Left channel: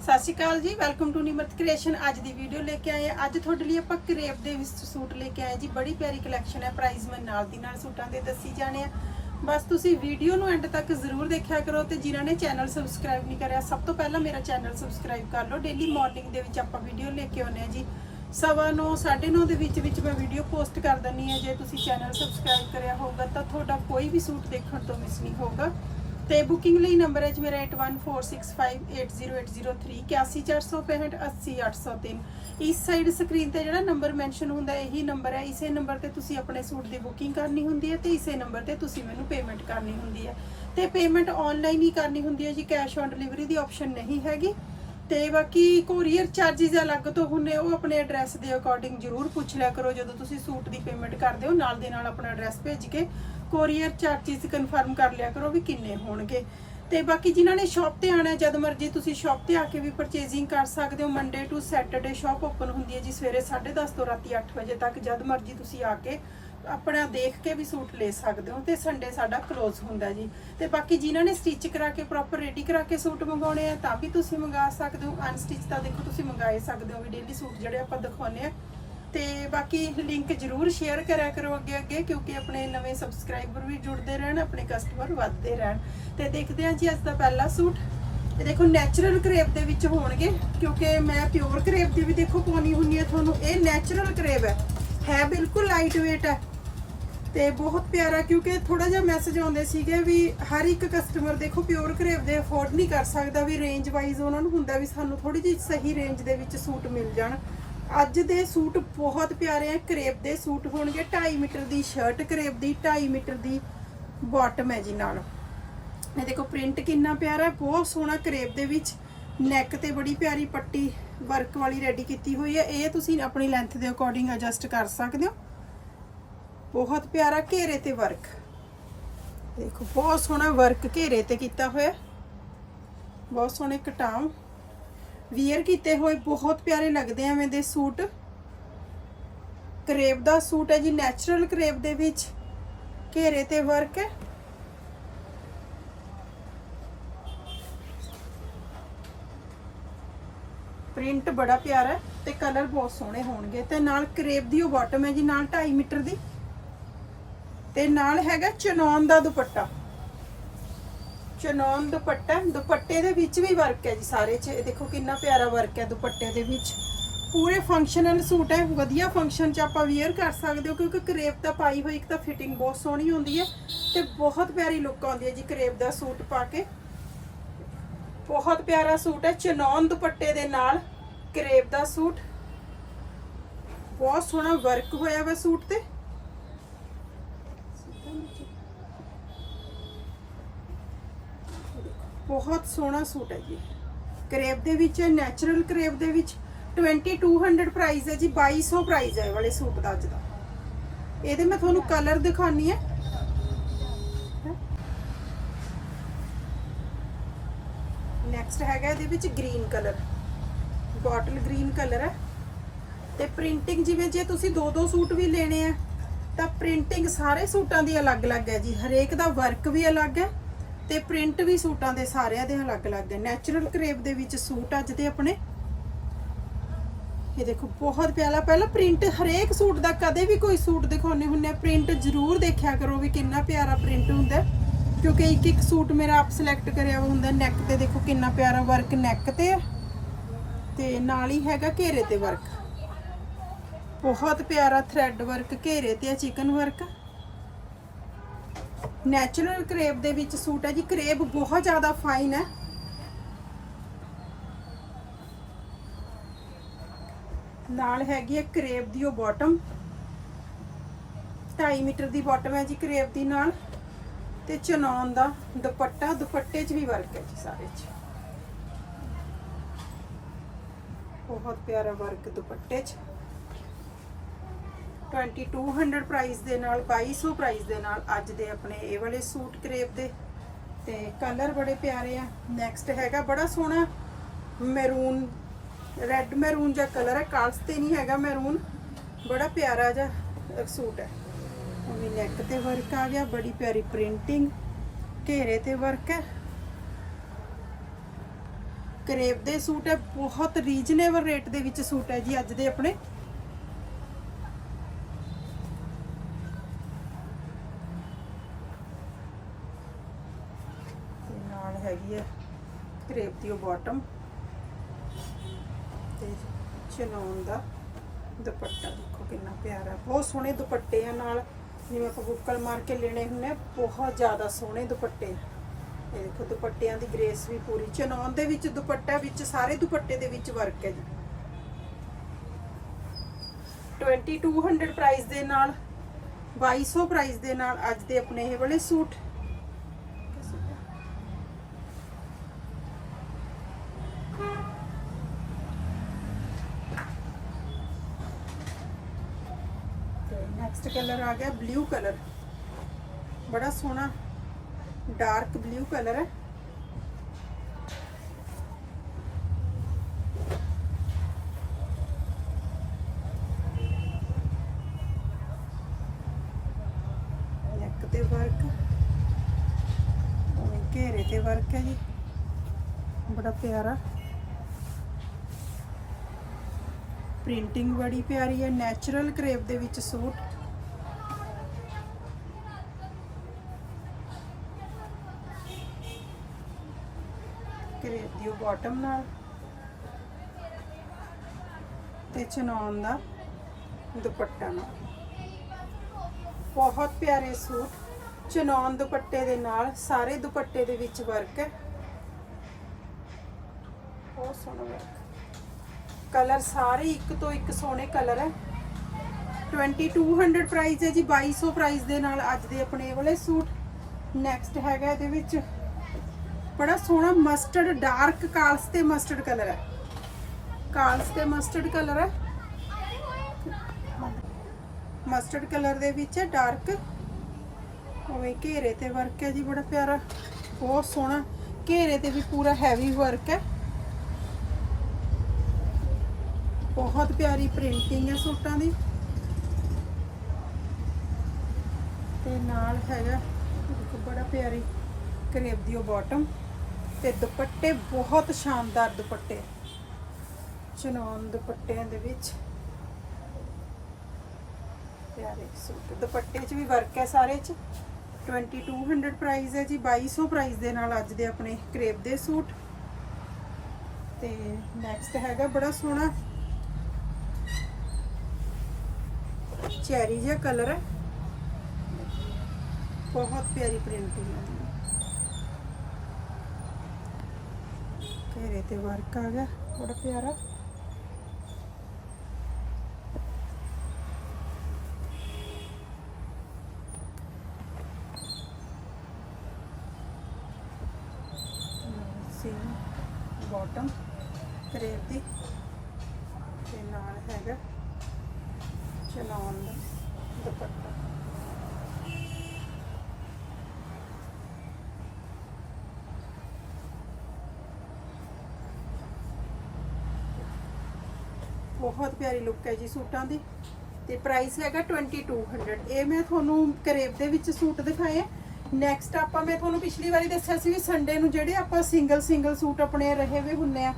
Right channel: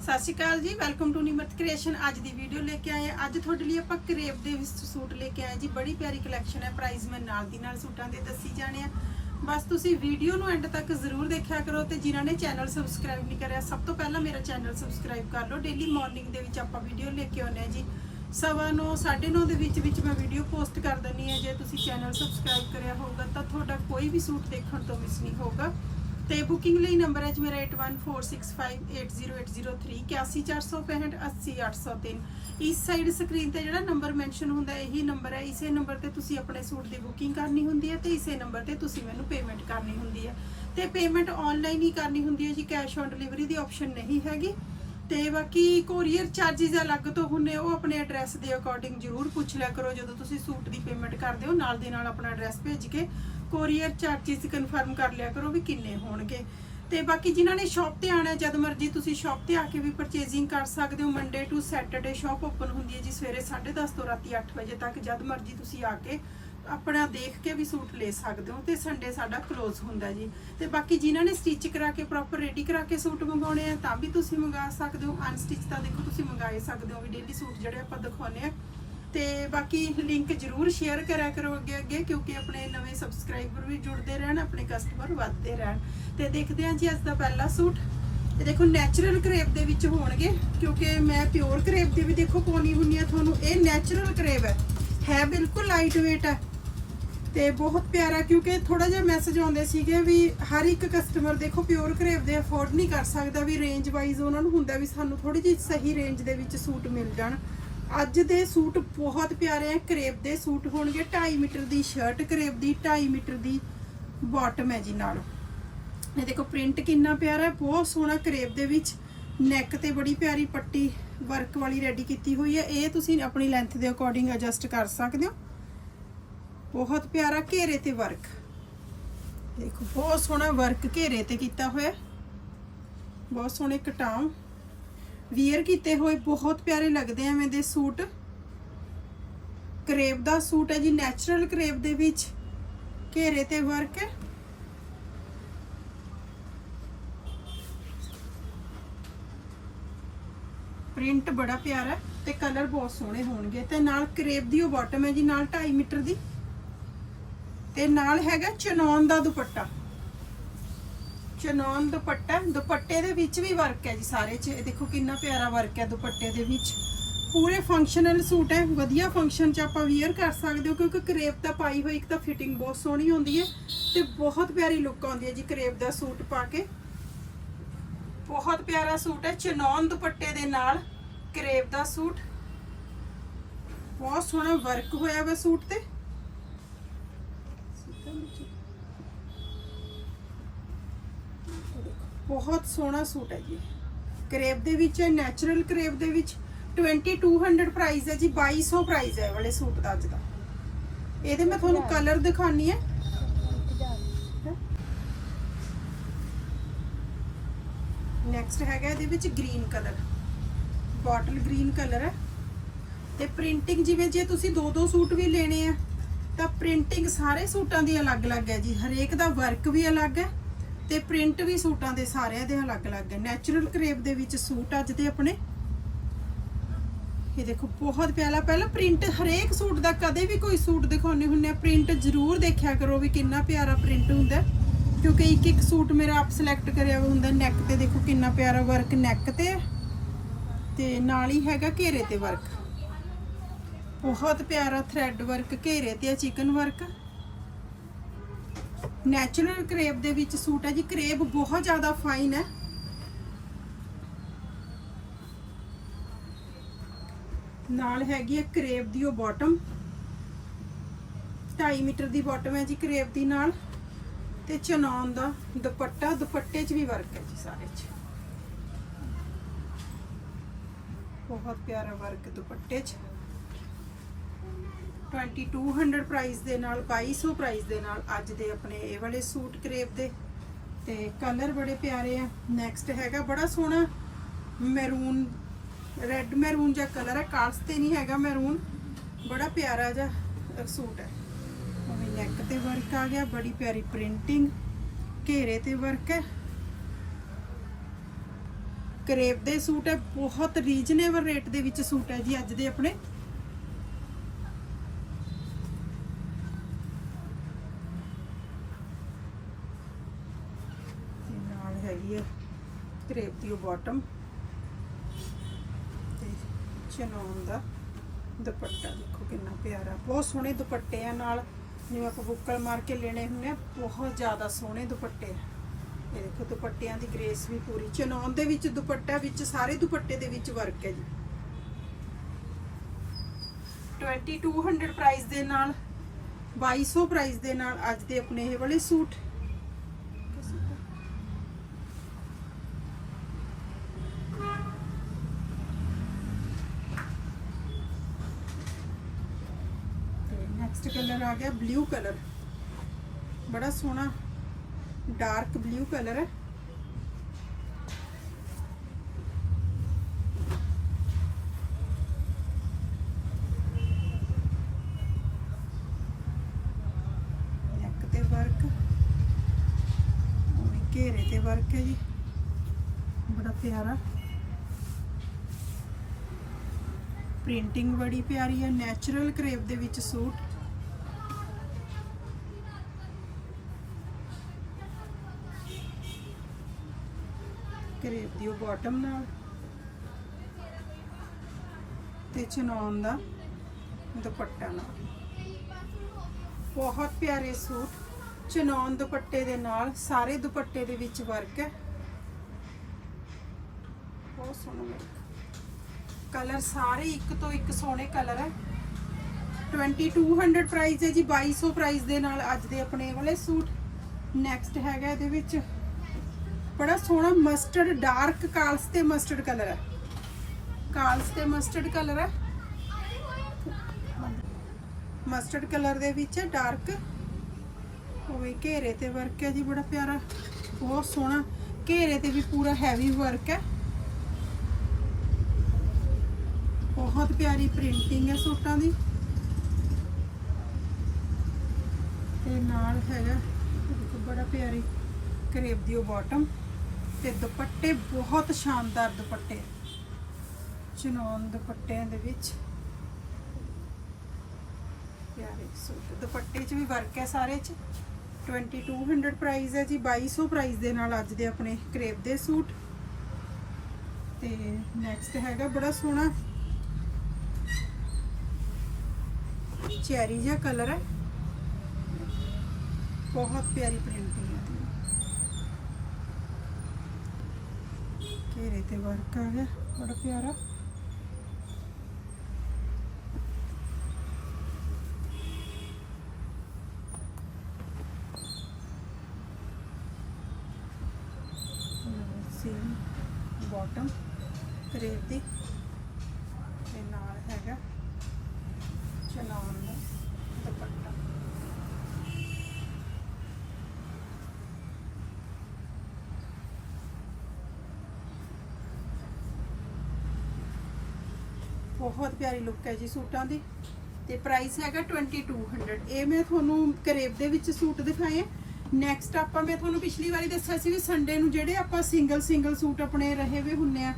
ਸਤਿ ਸ਼੍ਰੀ ਅਕਾਲ ਜੀ welcome to Nimrat creation ਅੱਜ ਦੀ ਵੀਡੀਓ ਲੈ ਕੇ ਆਏ ਹਾਂ। ਅੱਜ ਤੁਹਾਡੇ ਲਈ ਆਪਾਂ ਕਰੇਪ ਦੇ ਵਿੱਚ ਸੂਟ ਲੈ ਕੇ ਆਏ ਜੀ। ਬੜੀ ਪਿਆਰੀ ਕਲੈਕਸ਼ਨ ਹੈ। ਪ੍ਰਾਈਸ ਮੈਂ ਨਾਲ ਦੀ ਨਾਲ ਸੂਟਾਂ ਦੇ ਦੱਸੀ ਜਾਣੇ ਆ ਬਸ ਤੁਸੀਂ ਵੀਡੀਓ ਨੂੰ ਐਂਡ ਤੱਕ ਜ਼ਰੂਰ ਦੇਖਿਆ ਕਰੋ ਤੇ ਜਿਨ੍ਹਾਂ ਨੇ ਚੈਨਲ ਸਬਸਕ੍ਰਾਈਬ ਨਹੀਂ ਕਰਿਆ ਸਭ ਤੋਂ ਪਹਿਲਾਂ ਮੇਰਾ ਚੈਨਲ ਸਬਸਕ੍ਰਾਈਬ ਕਰ ਲਓ। ਡੇਲੀ ਮਾਰਨਿੰਗ ਦੇ ਵਿੱਚ ਆਪਾਂ ਵੀਡੀਓ ਲੈ ਕੇ ਆਉਂਦੇ ਆ ਜੀ। ਸਵਾ ਨੌ, ਸਾਢੇ 9 ਦੇ ਵਿੱਚ ਵਿੱਚ ਮੈਂ ਵੀਡੀਓ ਪੋਸਟ ਕਰ ਦਿੰਨੀ ਹੈ। ਜੇ ਤੁਸੀਂ ਚੈਨਲ ਸਬਸਕ੍ਰਾਈਬ ਕਰਿਆ ਹੋਊਗਾ ਤਾਂ ਤੁਹਾਡਾ ਕੋਈ ਵੀ ਸੂਟ ਦੇਖਣ ਤੋਂ ਮਿਸ ਨਹੀਂ ਹੋਊਗਾ। ਤੇ ਬੁਕਿੰਗ ਲਈ ਨੰਬਰ ਹੈ ਜੀ ਮੇਰਾ 8146580803 8146580803 ਇਸ ਸਾਈਡ ਸਕਰੀਨ ਤੇ ਜਿਹੜਾ ਨੰਬਰ ਮੈਂਸ਼ਨ ਹੁੰਦਾ ਹੈ, ਇਹੀ ਨੰਬਰ ਹੈ। ਇਸੇ ਨੰਬਰ ਤੇ ਤੁਸੀਂ ਆਪਣੇ ਸੂਟ ਦੀ ਬੁਕਿੰਗ ਕਰਨੀ ਹੁੰਦੀ ਹੈ ਤੇ ਇਸੇ ਨੰਬਰ ਤੇ ਤੁਸੀਂ ਮੈਨੂੰ ਪੇਮੈਂਟ ਕਰਨੀ ਹੁੰਦੀ ਹੈ। ਤੇ ਪੇਮੈਂਟ ਆਨਲਾਈਨ ਹੀ ਕਰਨੀ ਹੁੰਦੀ ਹੈ ਜੀ ਕੈਸ਼ ਔਨ ਡਿਲੀਵਰੀ ਦੀ ਆਪਸ਼ਨ ਨਹੀਂ ਹੈਗੀ। ਤੇ ਬਾਕੀ ਕੋਰੀਅਰ ਚਾਰजेस ਅਲੱਗ ਤੋਂ ਹੁੰਨੇ ਉਹ ਆਪਣੇ ਐਡਰੈਸ ਦੇ ਅਕੋਰਡਿੰਗ ਜਰੂਰ ਪੁੱਛ ਲਿਆ ਕਰੋ। ਜਦੋਂ ਤੁਸੀਂ ਸੂਟ ਦੀ ਪੇਮੈਂਟ ਕਰਦੇ ਹੋ ਨਾਲ ਦੇ ਨਾਲ ਆਪਣਾ ਐਡਰੈਸ ਭੇਜ ਕੇ ਕੋਰੀਅਰ ਚਾਰजेस ਕਨਫਰਮ ਕਰ ਲਿਆ ਕਰੋ ਵੀ ਕਿੰਨੇ ਹੋਣਗੇ। ਤੇ ਬਾਕੀ ਜਿਨ੍ਹਾਂ ਨੇ ਸ਼ਾਪ ਤੇ ਆਣਾ ਜਦ ਮਰਜ਼ੀ ਤੁਸੀਂ ਸ਼ਾਪ ਤੇ ਆ ਕੇ ਵੀ ਪਰਚੇਜ਼ਿੰਗ ਕਰ ਸਕਦੇ ਹੋ। Monday to Saturday shop open ਹੁੰਦੀ ਹੈ ਜੀ, ਸਵੇਰੇ 10:30 ਤੋਂ ਰਾਤੀ 8 ਵਜੇ ਤੱਕ, ਜਦ ਮਰਜ਼ੀ ਤੁਸੀਂ ਆ ਕੇ ਆਪਣਾ ਦੇਖ ਕੇ ਵੀ ਸੂਟ ਲੈ ਸਕਦੇ ਹੋ ਤੇ ਸੰਡੇ ਸਾਡਾ ਕਲੋਜ਼ ਹੁੰਦਾ ਜੀ। ਤੇ ਬਾਕੀ ਜਿਨ੍ਹਾਂ ਨੇ ਸਟਿਚ ਕਰਾ ਕੇ ਪ੍ਰੋਪਰ ਰੈਡੀ ਕਰਾ ਕੇ ਸੂਟ ਮੰਗਾਉਣੇ ਆ, ਤਾਂ ਵੀ ਤੁਸੀਂ ਮੰਗਾ ਸਕਦੇ ਹੋ। ਅਨਸਟਿਚ ਤਾਂ ਦੇਖੋ ਤੁਸੀਂ ਮੰਗਾਏ ਸਕਦੇ ਹੋ ਵੀ ਡੇਲੀ ਸੂਟ ਜਿਹੜੇ ਆਪਾਂ ਦਿਖਾਉਨੇ ਆ ਤੇ ਬਾਕੀ ਲਿੰਕ ਜਰੂਰ ਸ਼ੇਅਰ ਕਰਿਆ ਕਰੋ ਅੱਗੇ ਅੱਗੇ, ਕਿਉਂਕਿ ਆਪਣੇ ਨਵੇਂ ਸਬਸਕ੍ਰਾਈਬਰ ਵੀ ਜੁੜਦੇ ਰਹਿਣ, ਆਪਣੇ ਕਸਟਮਰ ਵੱਧਦੇ ਰਹਿਣ। ਤੇ ਦੇਖਦੇ ਹਾਂ ਜੀ ਅੱਜ ਦਾ ਪਹਿਲਾ ਸੂਟ। ਇਹ ਦੇਖੋ ਨੈਚੁਰਲ ਕਰੇਪ ਦੇ ਵਿੱਚ ਹੋਣਗੇ, ਕਿਉਂਕਿ ਮੈਂ ਪਿਓਰ ਕਰੇਪ ਦੀ ਵੀ ਦੇਖੋ ਪਾਉਣੀ ਹੁੰਦੀ ਹੈ ਤੁਹਾਨੂੰ। ਇਹ ਨੈਚੁਰਲ ਕਰੇਪ ਹੈ। ਹੈ ਬਿਲਕੁਲ ਲਾਈਟ weight ਹੈ। ਤੇ ਬਹੁਤ ਪਿਆਰਾ, ਕਿਉਂਕਿ ਥੋੜਾ ਜਿਹਾ ਮੈਸੇਜ ਆਉਂਦੇ ਸੀਗੇ ਵੀ ਹਰ ਇੱਕ ਕਸਟਮਰ ਦੇਖੋ ਪਿਓਰ ਕਰੇਪ ਦੇ ਅਫੋਰਡ ਨਹੀਂ ਕਰ ਸਕਦਾ ਵੀ ਰੇਂਜ ਵਾਈਜ਼ ਉਹਨਾਂ ਨੂੰ ਹੁੰਦਾ ਵੀ ਸਾਨੂੰ ਥੋੜੀ ਜਿਹੀ ਸਹੀ ਰੇਂਜ ਦੇ ਵਿੱਚ ਸੂਟ ਮਿਲ ਜਾਣ। ਅੱਜ ਦੇ ਸੂਟ ਬਹੁਤ ਪਿਆਰੇ ਆ, ਕਰੇਪ ਦੇ ਸੂਟ ਹੋਣਗੇ 2.5 ਮੀਟਰ ਦੀ ਸ਼ਰਟ ਕਰੇਪ ਦੀ 2.5 ਮੀਟਰ ਦੀ ਬਾਟਮ ਹੈ ਜੀ ਨਾਲ। ਇਹ ਦੇਖੋ ਪ੍ਰਿੰਟ ਕਿੰਨਾ ਪਿਆਰਾ ਹੈ, ਬਹੁਤ ਸੋਹਣਾ ਕਰੇਪ ਦੇ ਵਿੱਚ ਨੈਕ ਤੇ ਬੜੀ ਪਿਆਰੀ ਪੱਟੀ ਵਰਕ ਵਾਲੀ ਰੈਡੀ ਕੀਤੀ ਹੋਈ ਹੈ। ਇਹ ਤੁਸੀਂ ਆਪਣੀ ਲੈਂਥ ਦੇ ਅਕੋਰਡਿੰਗ ਐਡਜਸਟ ਕਰ ਸਕਦੇ ਹੋ। ਬਹੁਤ ਪਿਆਰਾ ਘੇਰੇ ਤੇ ਵਰਕ ਦੇਖੋ, ਬਹੁਤ ਸੋਹਣਾ ਵਰਕ ਘੇਰੇ ਤੇ ਕੀਤਾ ਹੋਇਆ। ਬਹੁਤ ਸੋਹਣੇ ਕਟਾਮ ਵੀਅਰ ਕੀਤੇ ਹੋਏ ਬਹੁਤ ਪਿਆਰੇ ਲੱਗਦੇ ਆ ਐਵੇਂ ਦੇ ਸੂਟ। ਕਰੇਪ ਦਾ ਸੂਟ ਹੈ ਜੀ ਨੈਚੁਰਲ ਕਰੇਪ ਦੇ ਵਿੱਚ। ਘੇਰੇ ਤੇ ਵਰਕ ਹੈ। ਪ੍ਰਿੰਟ ਬੜਾ ਪਿਆਰਾ ਹੈ ਤੇ ਕਲਰ ਬਹੁਤ ਸੋਹਣੇ ਹੋਣਗੇ। ਤੇ ਨਾਲ ਕਰੇਪ ਦੀ ਉਹ ਬਾਟਮ ਹੈ ਜੀ, ਨਾਲ 2.5 ਮੀਟਰ ਦੀ। ਤੇ ਨਾਲ ਹੈਗਾ ਚਨੌਨ ਦਾ ਦੁਪੱਟਾ। ਚਨੌਨ ਦੁਪੱਟਾ, ਦੁਪੱਟੇ ਦੇ ਵਿੱਚ ਵੀ ਵਰਕ ਹੈ ਜੀ ਸਾਰੇ ਚ। ਇਹ ਦੇਖੋ ਕਿੰਨਾ ਪਿਆਰਾ ਵਰਕ ਹੈ ਦੁਪੱਟੇ ਦੇ ਵਿੱਚ। ਪੂਰੇ ਫੰਕਸ਼ਨਲ ਸੂਟ ਹੈ, ਵਧੀਆ ਫੰਕਸ਼ਨ ਚ ਆਪਾਂ ਵੇਅਰ ਕਰ ਸਕਦੇ ਹੋ, ਕਿਉਂਕਿ ਕਰੇਪ ਦਾ ਪਾਈ ਹੋਈ ਇੱਕ ਤਾਂ ਫਿਟਿੰਗ ਬਹੁਤ ਸੋਹਣੀ ਹੁੰਦੀ ਹੈ ਤੇ ਬਹੁਤ ਪਿਆਰੀ ਲੁੱਕ ਆਉਂਦੀ ਹੈ ਜੀ ਕਰੇਪ ਦਾ ਸੂਟ ਪਾ ਕੇ। ਬਹੁਤ ਪਿਆਰਾ ਸੂਟ ਹੈ ਚਨੌਨ ਦੁਪੱਟੇ ਦੇ ਨਾਲ ਕਰੇਪ ਦਾ ਸੂਟ। ਬਹੁਤ ਸੋਹਣਾ ਵਰਕ ਹੋਇਆ ਵਾ ਸੂਟ ਤੇ। ਬਹੁਤ ਸੋਹਣਾ ਸੂਟ ਹੈ ਜੀ। ਕਰੇਪ ਦੇ ਵਿੱਚ ਨੈਚੁਰਲ ਕਰੇਪ ਦੇ ਵਿੱਚ 2200 ਪ੍ਰਾਈਸ ਹੈ ਜੀ 2200 ਪ੍ਰਾਈਸ ਹੈ ਵਾਲੇ ਸੂਟ ਦਾ ਅੱਜ ਦਾ। ਇਹਦੇ ਮੈਂ ਤੁਹਾਨੂੰ ਕਲਰ ਦਿਖਾਉਣੀ ਹੈ। ਨੈਕਸਟ ਹੈਗਾ ਇਹਦੇ ਵਿੱਚ green colour bottle green colour ਹੈ। ਤੇ ਪ੍ਰਿੰਟਿੰਗ ਜਿਵੇਂ ਜੇ ਤੁਸੀਂ ਦੋ ਦੋ ਸੂਟ ਵੀ ਲੈਣੇ ਆ, ਤਾਂ ਪ੍ਰਿੰਟਿੰਗ ਸਾਰੇ ਸੂਟਾਂ ਦੀ ਅਲੱਗ-ਅਲੱਗ ਹੈ ਜੀ। ਹਰੇਕ ਦਾ ਵਰਕ ਵੀ ਅਲੱਗ ਹੈ। ਤੇ ਪ੍ਰਿੰਟ ਵੀ ਸੂਟਾਂ ਦੇ ਸਾਰਿਆਂ ਦੇ ਅਲੱਗ-ਅਲੱਗ ਹੈ। ਨੈਚੁਰਲ ਕਰੇਪ ਦੇ ਵਿੱਚ ਸੂਟ ਅੱਜ ਦੇ ਆਪਣੇ। ਇਹ ਦੇਖੋ, ਬਹੁਤ ਪਿਆਰਾ। ਪਹਿਲਾਂ ਪ੍ਰਿੰਟ ਹਰੇਕ ਸੂਟ ਦਾ ਕਦੇ ਵੀ ਕੋਈ ਸੂਟ ਦਿਖਾਉਣੇ ਹੁੰਨੇ ਆ। ਪ੍ਰਿੰਟ ਜ਼ਰੂਰ ਦੇਖਿਆ ਕਰੋ ਵੀ ਕਿੰਨਾ ਪਿਆਰਾ ਪ੍ਰਿੰਟ ਹੁੰਦਾ ਕਿਉਂਕਿ ਇੱਕ ਇੱਕ ਸੂਟ ਮੇਰਾ ਆਪ ਸਿਲੈਕਟ ਕਰਿਆ ਹੁੰਦਾ ਨੈਕ ਤੇ ਦੇਖੋ ਕਿੰਨਾ ਪਿਆਰਾ ਵਰਕ ਨੈਕ ਤੇ ਹੈ। ਤੇ ਨਾਲ ਹੀ ਹੈਗਾ ਘੇਰੇ ਤੇ ਵਰਕ ਬਹੁਤ ਪਿਆਰਾ ਥ੍ਰੈਡ ਵਰਕ ਘੇਰੇ ਤੇ ਆ ਚਿਕਨ ਵਰਕ ਨੈਚੁਰਲ ਕਰੇਪ ਦੇ ਵਿੱਚ ਸੂਟ ਹੈ ਜੀ। ਕਰੇਪ ਬਹੁਤ ਜ਼ਿਆਦਾ ਫਾਈਨ ਹੈ। ਨਾਲ ਹੈਗੀ ਹੈ ਕਰੇਪ ਦੀ ਉਹ ਬਾਟਮ 2.5 ਮੀਟਰ ਦੀ ਬਾਟਮ ਹੈ ਜੀ ਕਰੇਪ ਦੀ ਨਾਲ। ਤੇ ਚਨੌਨ ਦਾ ਦੁਪੱਟਾ। ਦੁਪੱਟੇ 'ਚ ਵੀ ਵਰਕ ਹੈ ਜੀ ਸਾਰੇ 'ਚ। ਬਹੁਤ ਪਿਆਰਾ ਵਰਕ ਦੁਪੱਟੇ 'ਚ। 2200 ਪ੍ਰਾਈਸ ਦੇ ਨਾਲ 2200 ਪ੍ਰਾਈਸ ਦੇ ਨਾਲ ਅੱਜ ਦੇ ਆਪਣੇ ਇਹ ਵਾਲੇ ਸੂਟ ਕਰੇਪ ਦੇ। ਤੇ ਕਲਰ ਬੜੇ ਪਿਆਰੇ ਆ। ਨੈਕਸਟ ਹੈਗਾ ਬੜਾ ਸੋਹਣਾ ਮੈਰੂਨ ਰੈੱਡ ਮੈਰੂਨ ਜਿਹਾ ਕਲਰ ਹੈ ਕਾਲਸ ਤੇ ਨਹੀਂ ਹੈਗਾ ਮੈਰੂਨ ਬੜਾ ਪਿਆਰਾ ਜਿਹਾ ਸੂਟ ਹੈ ਉਹ ਵੀ ਨੈਕ ਤੇ ਵਰਕ ਆ ਗਿਆ, ਬੜੀ ਪਿਆਰੀ ਪ੍ਰਿੰਟਿੰਗ ਘੇਰੇ ਤੇ ਵਰਕ ਹੈ ਕਰੇਪ ਦੇ ਸੂਟ ਹੈ ਬਹੁਤ ਰੀਜਨੇਬਲ ਰੇਟ ਦੇ ਵਿੱਚ ਸੂਟ ਹੈ ਜੀ ਅੱਜ ਦੇ ਆਪਣੇ ਤੇ ਨਾਲ ਹੈਗੀ ਹੈ ਕਰੇਪ ਦੀ ਬਾਟਮ ਤੇ ਚਨੌਨ ਦਾ ਦੁਪੱਟਾ ਦੇਖੋ ਕਿੰਨਾ ਪਿਆਰਾ। ਬਹੁਤ ਸੋਹਣੇ ਦੁਪੱਟੇ ਆ ਨਾਲ ਜਿਵੇਂ ਆਪਾਂ ਬੁੱਕਲ ਮਾਰ ਕੇ ਲੈਣੇ ਹੁੰਦੇ ਬਹੁਤ ਜ਼ਿਆਦਾ ਸੋਹਣੇ ਦੁਪੱਟੇ। ਇਹ ਦੇਖੋ ਦੁਪੱਟਿਆਂ ਦੀ ਗ੍ਰੇਸ ਵੀ ਪੂਰੀ। ਚਨੌਨ ਦੇ ਵਿੱਚ ਦੁਪੱਟਾ, ਵਿੱਚ ਸਾਰੇ ਦੁਪੱਟੇ ਦੇ ਵਿੱਚ ਵਰਕ ਹੈ ਜੀ। 2200 ਪ੍ਰਾਈਸ ਦੇ ਨਾਲ 2200 ਪ੍ਰਾਈਸ ਦੇ ਨਾਲ ਅੱਜ ਦੇ ਆਪਣੇ ਇਹ ਵਾਲੇ ਸੂਟ ਤੇ ਨੈਕਸਟ ਕਲਰ ਆ ਗਿਆ ਬਲੂ ਕਲਰ ਬੜਾ ਸੋਹਣਾ ਡਾਰਕ ਬਲੂ ਕਲਰ ਹੈ ਨੈਕ ਤੇ ਵਰਕ ਉਹ ਘੇਰੇ ਤੇ ਵਰਕ ਹੈ ਜੀ ਬੜਾ ਪਿਆਰਾ ਪ੍ਰਿੰਟਿੰਗ ਬੜੀ ਪਿਆਰੀ ਹੈ ਨੈਚੁਰਲ ਕਰੇਵ ਦੇ ਵਿੱਚ ਸੂਟ ਕਰੇਵ ਦੀ ਬਾਟਮ ਨਾਲ। ਤੇ ਚਨੌਨ ਦਾ ਦੁਪੱਟਾ ਨਾਲ। ਬਹੁਤ ਪਿਆਰੇ ਸੂਟ। ਚਨੌਨ ਦੁਪੱਟੇ ਦੇ ਨਾਲ ਸਾਰੇ ਦੁਪੱਟੇ ਦੇ ਵਿੱਚ ਵਰਕ ਹੈ। ਬਹੁਤ ਸੋਹਣਾ ਕਲਰ ਸਾਰੇ ਇੱਕ ਤੋਂ ਇੱਕ ਸੋਹਣੇ ਕਲਰ ਹੈ। 2200 ਪ੍ਰਾਈਸ ਹੈ ਜੀ 2200 ਪ੍ਰਾਈਸ ਦੇ ਨਾਲ ਅੱਜ ਦੇ ਆਪਣੇ ਵਾਲੇ ਸੂਟ। ਨੈਕਸਟ ਹੈਗਾ ਇਹਦੇ ਵਿੱਚ ਬੜਾ ਸੋਹਣਾ ਮਸਟਰਡ ਡਾਰਕ ਕਾਲਸ ਤੇ ਮਸਟਰਡ ਕਲਰ ਹੈ। ਕਾਲਸ ਤੇ ਮਸਟਰਡ ਕਲਰ ਹੈ। ਮਸਟਰਡ ਕਲਰ ਦੇ ਵਿੱਚ ਡਾਰਕ ਉਵੇਂ ਘੇਰੇ ਤੇ ਵਰਕ ਹੈ ਜੀ, ਬੜਾ ਪਿਆਰਾ। ਬਹੁਤ ਸੋਹਣਾ। ਘੇਰੇ ਤੇ ਵੀ ਪੂਰਾ ਹੈਵੀ ਵਰਕ ਹੈ। ਬਹੁਤ ਪਿਆਰੀ ਪ੍ਰਿੰਟਿੰਗ ਹੈ ਸੂਟਾਂ ਦੀ। ਤੇ ਨਾਲ ਹੈਗਾ ਇੱਕ ਬੜਾ ਪਿਆਰੀ ਕਰੇਬ ਦੀ ਬਾਟਮ ਤੇ ਦੁਪੱਟੇ ਬਹੁਤ ਸ਼ਾਨਦਾਰ ਦੁਪੱਟੇ ਚਨੌਨ ਦੁਪੱਟਿਆਂ ਦੇ ਵਿੱਚ। ਪਿਆਰੇ ਸੂਟ ਦੁਪੱਟੇ 'ਚ ਵੀ ਵਰਕ ਹੈ ਸਾਰੇ 'ਚ। 2200 ਪ੍ਰਾਈਸ ਹੈ ਜੀ 2200 ਪ੍ਰਾਈਸ ਦੇ ਨਾਲ ਅੱਜ ਦੇ ਆਪਣੇ ਕਰੇਬ ਦੇ ਸੂਟ। ਤੇ ਨੈਕਸਟ ਹੈਗਾ ਬੜਾ ਸੋਹਣਾ। ਚੈਰੀ ਜਿਹਾ ਕਲਰ ਹੈ। ਬਹੁਤ ਪਿਆਰੀ ਪ੍ਰਿੰਟਿੰਗ ਹੈ। ਘੇਰੇ ਤੇ ਵਰਕ ਆ ਗਿਆ ਬੜਾ ਪਿਆਰਾ ਸੇਮ ਬਾਟਮ ਕਰੇਪ ਦੀ ਤੇ ਨਾਲ ਹੈਗਾ ਚਨੌਨ ਦਾ ਦੁਪੱਟਾ। ਬਹੁਤ ਪਿਆਰੀ ਲੁੱਕ ਹੈ ਜੀ ਸੂਟਾਂ ਦੀ। ਤੇ ਪ੍ਰਾਈਸ ਹੈਗਾ 2200 ਇਹ ਮੈਂ ਤੁਹਾਨੂੰ ਕਰੇਬ ਦੇ ਵਿੱਚ ਸੂਟ ਦਿਖਾਏ ਨੈਕਸਟ ਆਪਾਂ ਮੈਂ ਤੁਹਾਨੂੰ ਪਿਛਲੀ ਵਾਰੀ ਦੱਸਿਆ ਸੀ ਵੀ ਸੰਡੇ ਨੂੰ ਜਿਹੜੇ ਆਪਾਂ ਸਿੰਗਲ ਸਿੰਗਲ ਸੂਟ ਆਪਣੇ ਰਹੇ ਵੇ ਹੁੰਨੇ ਆ,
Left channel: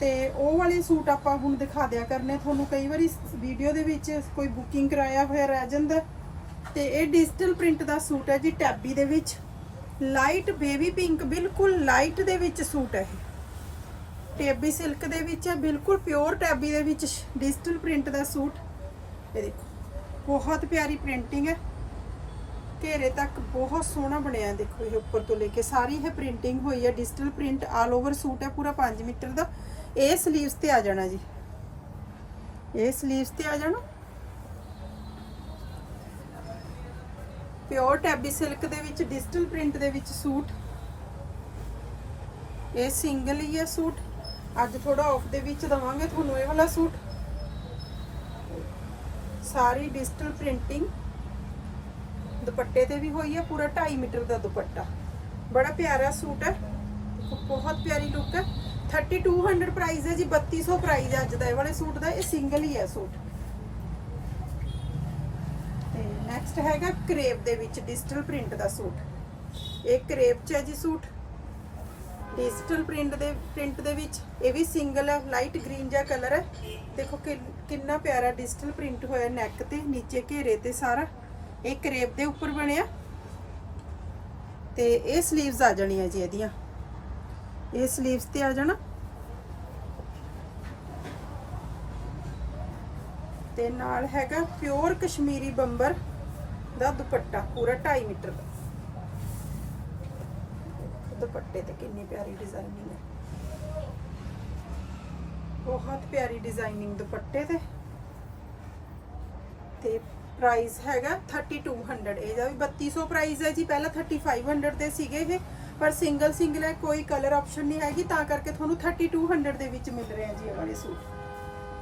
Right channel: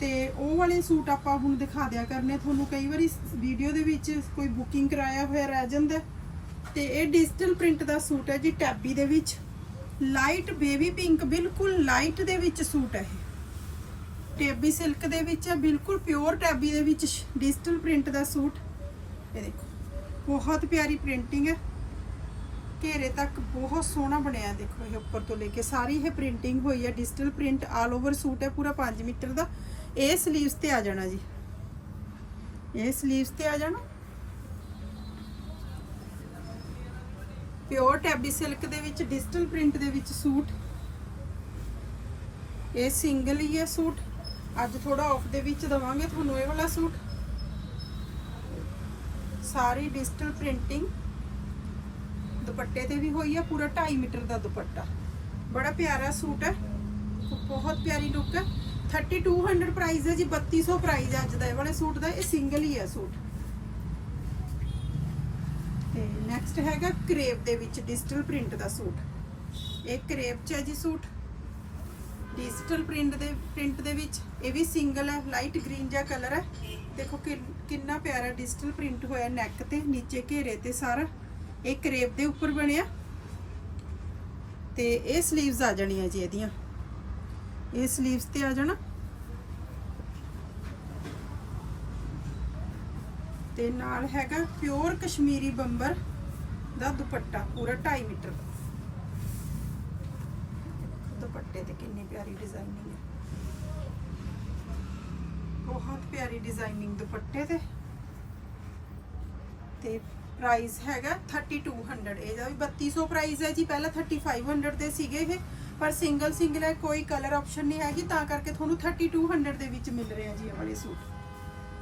ਤੇ ਉਹ ਵਾਲੇ ਸੂਟ ਆਪਾਂ ਹੁਣ ਦਿਖਾ ਦਿਆ ਕਰਨੇ ਤੁਹਾਨੂੰ ਕਈ ਵਾਰੀ ਵੀਡੀਓ ਦੇ ਵਿੱਚ ਕੋਈ ਬੁਕਿੰਗ ਕਰਾਇਆ ਹੋਇਆ ਰਹਿ ਜਾਂਦਾ ਤੇ ਇਹ ਡਿਜੀਟਲ ਪ੍ਰਿੰਟ ਦਾ ਸੂਟ ਹੈ ਜੀ ਟੈਬੀ ਦੇ ਵਿੱਚ। ਲਾਈਟ ਬੇਬੀ ਪਿੰਕ ਬਿਲਕੁਲ ਲਾਈਟ ਦੇ ਵਿੱਚ ਸੂਟ ਹੈ ਇਹ। ਟੈਬੀ ਸਿਲਕ ਦੇ ਵਿੱਚ ਹੈ ਬਿਲਕੁਲ ਪਿਓਰ ਟੈਬੀ ਦੇ ਵਿੱਚ ਡਿਜੀਟਲ ਪ੍ਰਿੰਟ ਦਾ ਸੂਟ। ਇਹ ਦੇਖੋ, ਬਹੁਤ ਪਿਆਰੀ ਪ੍ਰਿੰਟਿੰਗ ਹੈ। ਘੇਰੇ ਤੱਕ ਬਹੁਤ ਸੋਹਣਾ ਬਣਿਆ, ਦੇਖੋ ਇਹ ਉੱਪਰ ਤੋਂ ਲੈ ਕੇ। ਸਾਰੀ ਇਹ ਪ੍ਰਿੰਟਿੰਗ ਹੋਈ ਹੈ, digital print all over suit ਹੈ, ਪੂਰਾ 5 ਮੀਟਰ ਦਾ। ਇਹ 슬ੀਵਸ ਤੇ ਆ ਜਾਣਾ ਜੀ। ਇਹ 슬ੀਵਸ ਤੇ ਆ ਜਾਣਾ। ਪਿਓਰ ਟੈਬੀ ਸਿਲਕ ਦੇ ਵਿੱਚ, ਡਿਜੀਟਲ ਪ੍ਰਿੰਟ ਦੇ ਵਿੱਚ ਸੂਟ। ਇਹ ਸਿੰਗਲ ਹੀ ਹੈ ਸੂਟ। ਅੱਜ ਥੋੜਾ ਆਫ ਦੇ ਵਿੱਚ ਦਵਾਂਗੇ ਤੁਹਾਨੂੰ ਇਹ ਵਾਲਾ ਸੂਟ। ਸਾਰੀ ਡਿਜੀਟਲ ਪ੍ਰਿੰਟਿੰਗ ਦੁਪੱਟੇ ਤੇ ਵੀ ਹੋਈ ਹੈ ਪੂਰਾ 2.5 ਮੀਟਰ ਦਾ ਦੁਪੱਟਾ। ਬੜਾ ਪਿਆਰਾ ਸੂਟ ਹੈ, ਬਹੁਤ ਪਿਆਰੀ ਲੁੱਕ ਹੈ। 3200 ਪ੍ਰਾਈਸ ਹੈ ਜੀ 3200 ਪ੍ਰਾਈਸ ਹੈ ਅੱਜ ਦਾ ਇਹ ਵਾਲੇ ਸੂਟ ਦਾ, ਇਹ ਸਿੰਗਲ ਹੀ ਹੈ ਸੂਟ। ਤੇ ਨੈਕਸਟ ਹੈਗਾ ਕਰੇਪ ਦੇ ਵਿੱਚ ਡਿਜੀਟਲ ਪ੍ਰਿੰਟ ਦਾ ਸੂਟ। ਇਹ ਕਰੇਪ ਚ ਹੈ ਜੀ ਸੂਟ। ਡਿਜੀਟਲ ਪ੍ਰਿੰਟ ਦੇ ਪ੍ਰਿੰਟ ਦੇ ਵਿੱਚ ਇਹ ਵੀ ਸਿੰਗਲ ਹੈ ਲਾਈਟ ਗ੍ਰੀਨ ਜਿਹਾ ਕਲਰ ਹੈ। ਦੇਖੋ ਕਿ- ਕਿੰਨਾ ਪਿਆਰਾ ਡਿਜੀਟਲ ਪ੍ਰਿੰਟ ਹੋਇਆ ਨੈਕ ਤੇ, ਨੀਚੇ ਘੇਰੇ ਤੇ ਸਾਰਾ। ਇਹ ਕਰੇਪ ਦੇ ਉੱਪਰ ਬਣਿਆ। ਤੇ ਇਹ 슬ੀਵਸ ਆ ਜਾਣੀਆਂ ਜੀ ਇਹਦੀਆਂ। ਇਹ 슬ੀਵਸ ਤੇ ਆ ਜਾਣਾ। ਤੇ ਨਾਲ ਹੈਗਾ ਪਿਓਰ ਕਸ਼ਮੀਰੀ ਬੰਬਰ ਦਾ ਦੁਪੱਟਾ, ਪੂਰਾ 2.5 ਮੀਟਰ ਦਾ। ਦੁਪੱਟੇ ਤੇ ਕਿੰਨੀ ਪਿਆਰੀ ਡਿਜ਼ਾਈਨਿੰਗ ਹੈ। ਬਹੁਤ ਪਿਆਰੀ ਡਿਜ਼ਾਈਨਿੰਗ ਦੁਪੱਟੇ ਤੇ। ਤੇ ਪ੍ਰਾਈਸ ਹੈਗਾ 3200 ਇਹਦਾ ਵੀ 3200 ਪ੍ਰਾਈਸ ਹੈ ਜੀ, ਪਹਿਲਾਂ 3500 ਦੇ ਸੀਗੇ ਇਹ, ਪਰ ਸਿੰਗਲ ਸਿੰਗਲ ਹੈ, ਕੋਈ ਕਲਰ ਆਪਸ਼ਨ ਨਹੀਂ ਹੈਗੀ, ਤਾਂ ਕਰਕੇ ਤੁਹਾਨੂੰ 3200 ਦੇ ਵਿੱਚ ਮਿਲ ਰਿਹਾ ਜੀ ਇਹ ਵਾਲੇ ਸੂਟ।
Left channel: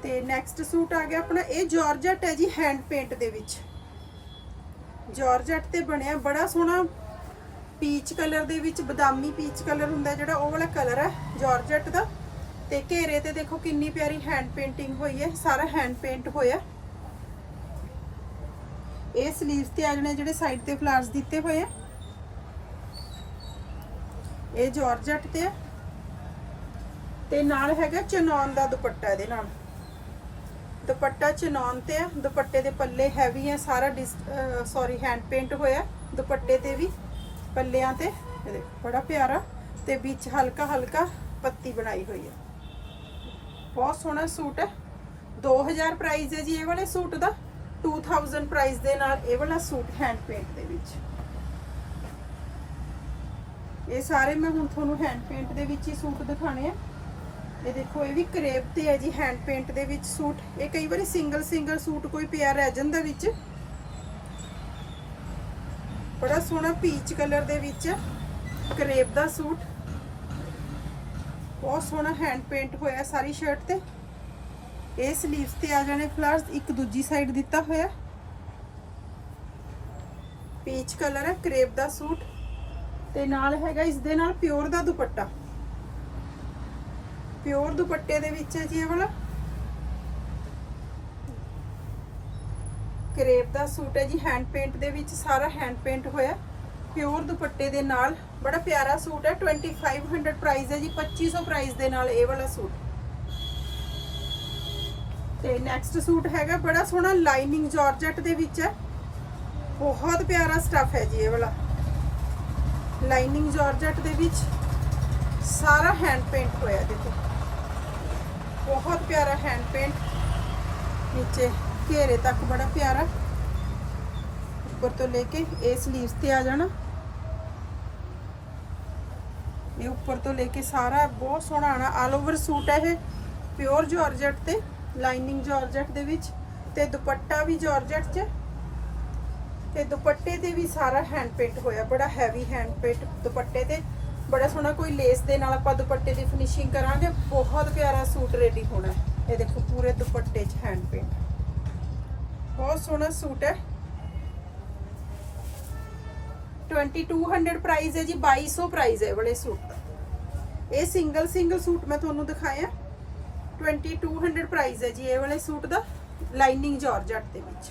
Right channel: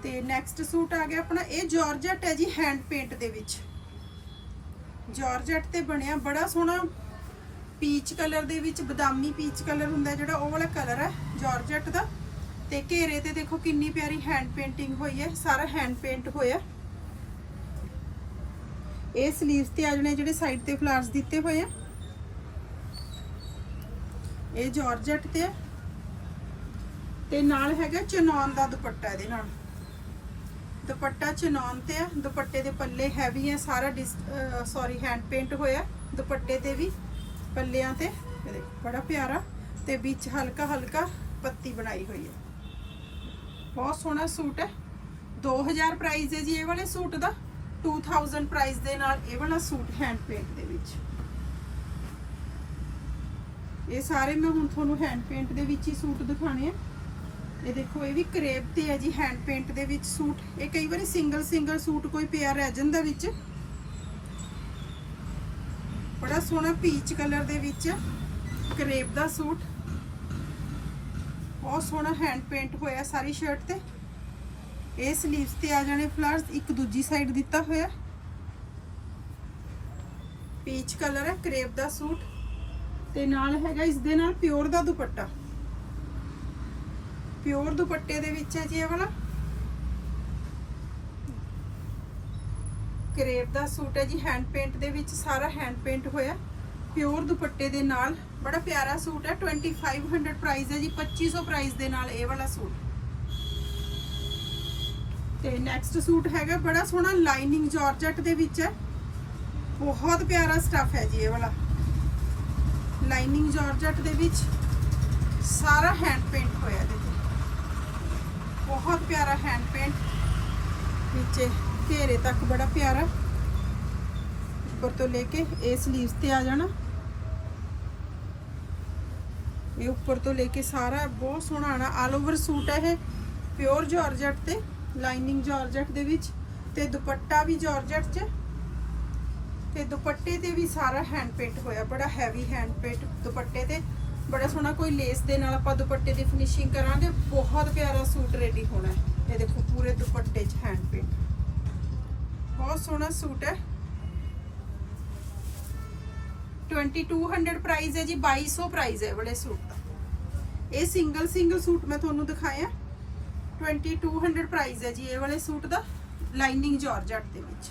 ਤੇ ਨੈਕਸਟ ਸੂਟ ਆ ਗਿਆ ਆਪਣਾ, ਇਹ ਜਾਰਜਟ ਹੈ ਜੀ ਹੈਂਡ ਪੇਂਟ ਦੇ ਵਿੱਚ। ਜਾਰਜਟ ਤੇ ਬਣਿਆ ਬੜਾ ਸੋਹਣਾ ਪੀਚ ਕਲਰ ਦੇ ਵਿੱਚ ਬਦਾਮੀ ਪੀਚ ਕਲਰ ਹੁੰਦਾ ਜਿਹੜਾ, ਉਹ ਵਾਲਾ ਕਲਰ ਹੈ, ਜਾਰਜਟ ਦਾ। ਤੇ ਘੇਰੇ ਤੇ ਦੇਖੋ ਕਿੰਨੀ ਪਿਆਰੀ ਹੈਂਡ ਪੇਂਟਿੰਗ ਹੋਈ ਹੈ, ਸਾਰਾ ਹੈਂਡ ਪੇਂਟ ਹੋਇਆ। ਇਹ 슬ੀਵਸ ਤੇ ਆ ਜਣੇ ਜਿਹੜੇ ਸਾਈਡ ਤੇ ਫਲਾਰਸ ਦਿੱਤੇ ਹੋਏ ਆ। ਇਹ ਜਾਰਜਟ ਤੇ ਹੈ ਤੇ ਨਾਲ ਹੈਗਾ ਚਨੌਨ ਦਾ ਦੁਪੱਟਾ ਇਹਦੇ ਨਾਲ। ਦੁਪੱਟਾ ਚਨੌਨ ਤੇ ਆ। ਦੁਪੱਟੇ ਦੇ ਪੱਲੇ ਹੈਵੀ ਹੈ ਸਾਰਾ ਸੌਰੀ ਹੈਂਡ ਪੇਂਟ ਹੋਇਆ ਦੁਪੱਟੇ ਤੇ ਵੀ। ਪੱਲਿਆਂ ਤੇ ਦੇਖੋ, ਬੜਾ ਪਿਆਰਾ ਤੇ ਵਿੱਚ ਹਲਕਾ ਹਲਕਾ ਪੱਤੀ ਬਣਾਈ ਹੋਈ ਹੈ। ਬਹੁਤ ਸੋਹਣਾ ਸੂਟ ਹੈ। 2000 ਪ੍ਰਾਈਸ ਹੈ ਜੀ ਇਹ ਵਾਲੇ ਸੂਟ ਦਾ। 2000 ਪ੍ਰਾਈਸ ਦੇ ਨਾਲ ਇਹ ਵਾਲਾ ਸੂਟ ਹੈਂਡ ਪੇਂਟ ਦੇ ਵਿੱਚ। ਇਹ ਸਾਰੇ ਮੈਂ ਹੁਣ ਤੁਹਾਨੂੰ ਹੈਂਡ ਪੇਂਟ ਦੇ ਵਿੱਚ ਹੀ ਸੂਟ ਦਿਖਾਣੇ ਆ। ਇਹ ਦੇਖੋ ਇਹ ਵੀ ਕਰੇਪ ਤੇ ਹੈ ਜੀ ਹੈਂਡ ਪੇਂਟ ਦੇ ਵਿੱਚ ਸੂਟ। ਇਹ ਕਈ ਵਾਰੀ ਸਿੰਗਲ ਸਿੰਗਲ ਸੂਟ ਕੋਈ ਪਿਆ ਰਹਿ ਜਾਂਦਾ ਵਿੱਚ। ਬੜਾ ਸੋਹਣਾ ਪੀਚ ਕਲਰ ਦੇ ਵਿੱਚ ਕਰੇਪ ਦਾ ਸੂਟ। ਬਹੁਤ ਸੋਹਣਾ ਹੈਂਡ ਪੇਂਟ ਹੋਇਆ ਸਾਰੀ ਸ਼ਰਟ ਤੇ। ਇਹ 슬ੀਵਸ ਤੇ ਆ ਜਾਣੇ ਫਲਾਵਰਸ ਇੱਕ ਦੂਜੀ ਸਾਈਡ ਦਿੱਤਾ ਹੋਇਆ। ਪੀਚ ਕਲਰ ਹੈ, ਕਰੇਪ ਦਾ ਸੂਟ। ਤੇ ਨਾਲ ਹੈਗਾ ਇਸ ਦੇ ਨਾਲ ਪਿਓਰ ਦਾ ਦੁਪੱਟਾ। ਪਿਓਰ ਦੁਪੱਟੇ ਦੇ ਵਿੱਚ ਹੈ ਜੀ ਇਹ ਵਾਲਾ। ਕਰੇਪ ਦਾ ਸੂਟ ਹੈ ਜੀ ਹੈਂਡ ਪੇਂਟ ਦੇ ਵਿੱਚ ਸਾਰਾ ਹੈਂਡ ਪੇਂਟ ਹੋਇਆ ਪਿਓਰ ਦੁਪੱਟੇ ਦੇ ਨਾਲ, ਬੜਾ ਪਿਆਰਾ ਸੂਟ ਹੈ। 2500 ਪ੍ਰਾਈਸ ਹੈ ਜੀ 2500 ਪ੍ਰਾਈਸ ਦੇ ਨਾਲ ਇਹ ਵਾਲਾ ਸੂਟ। ਤੇ ਨੈਕਸਟ ਸੂਟ ਹੈਗਾ, ਬੜਾ ਸੋਹਣਾ ਲਾਈਨਿੰਗ ਜਾਰਜਟ ਦੇ ਵਿੱਚ ਹੈ। ਬਹੁਤ ਪਿਆਰਾ ਸਟੱਫ ਹੈ ਜੀ ਇਹ ਵਾਲਾ। ਲਾਈਨਿੰਗ ਜਾਰਜਟ ਦੇ ਵਿੱਚ ਸਾਰਾ ਹੈਂਡ ਪੇਂਟ ਹੋਇਆ, ਦੇਖੋ। ਬਹੁਤ ਪਿਆਰਾ ਹੈਂਡ ਪੇਂਟ ਨੀਚੇ। ਘੇਰੇ ਤੱਕ ਬੜਾ ਪਿਆਰਾ। ਉੱਪਰ ਤੋਂ ਲੈ ਕੇ ਇਹ 슬ੀਵਸ ਤੇ ਆ ਜਾਣਾ। ਇਹ ਉੱਪਰ ਤੋਂ ਲੈ ਕੇ ਸਾਰਾ ਬਹੁਤ ਸੋਹਣਾ ਆਣਾ। ਆਲ ਓਵਰ ਸੂਟ ਹੈ ਇਹ। ਪਿਓਰ ਜਾਰਜਟ ਤੇ ਲਾਈਨਿੰਗ ਜਾਰਜਟ ਦੇ ਵਿੱਚ ਤੇ ਦੁਪੱਟਾ ਵੀ ਜਾਰਜਟ 'ਚ। ਤੇ ਦੁਪੱਟੇ ਤੇ ਵੀ ਸਾਰਾ ਹੈਂਡ ਪੇਂਟ ਹੋਇਆ। ਬੜਾ ਹੈਵੀ ਹੈਂਡ ਪੇਂਟ ਦੁਪੱਟੇ ਤੇ। ਬੜਾ ਸੋਹਣਾ ਕੋਈ ਲੇਸ ਦੇ ਨਾਲ ਆਪਾਂ ਦੁਪੱਟੇ ਦੀ ਫਿਨਿਸ਼ਿੰਗ ਕਰਾਂਗੇ। ਬਹੁਤ ਪਿਆਰਾ ਸੂਟ ਰੈਡੀ ਹੋਣਾ। ਇਹ ਦੇਖੋ ਪੂਰੇ ਦੁਪੱਟੇ 'ਚ ਹੈਂਡ ਪੇਂਟ ਬਹੁਤ ਸੋਹਣਾ ਸੂਟ ਹੈ। 2200 ਪ੍ਰਾਈਸ ਹੈ ਜੀ 2200 ਪ੍ਰਾਈਸ ਹੈ ਇਹ ਵਾਲੇ ਸੂਟ। ਦਾ ਇਹ ਸਿੰਗਲ ਸਿੰਗਲ ਸੂਟ ਮੈਂ ਤੁਹਾਨੂੰ ਦਿਖਾਇਆ। 2200 ਪ੍ਰਾਈਸ ਹੈ ਜੀ ਇਹ ਵਾਲੇ ਸੂਟ ਦਾ ਲਾਈਨਿੰਗ ਜਾਰਜਟ ਦੇ ਵਿੱਚ।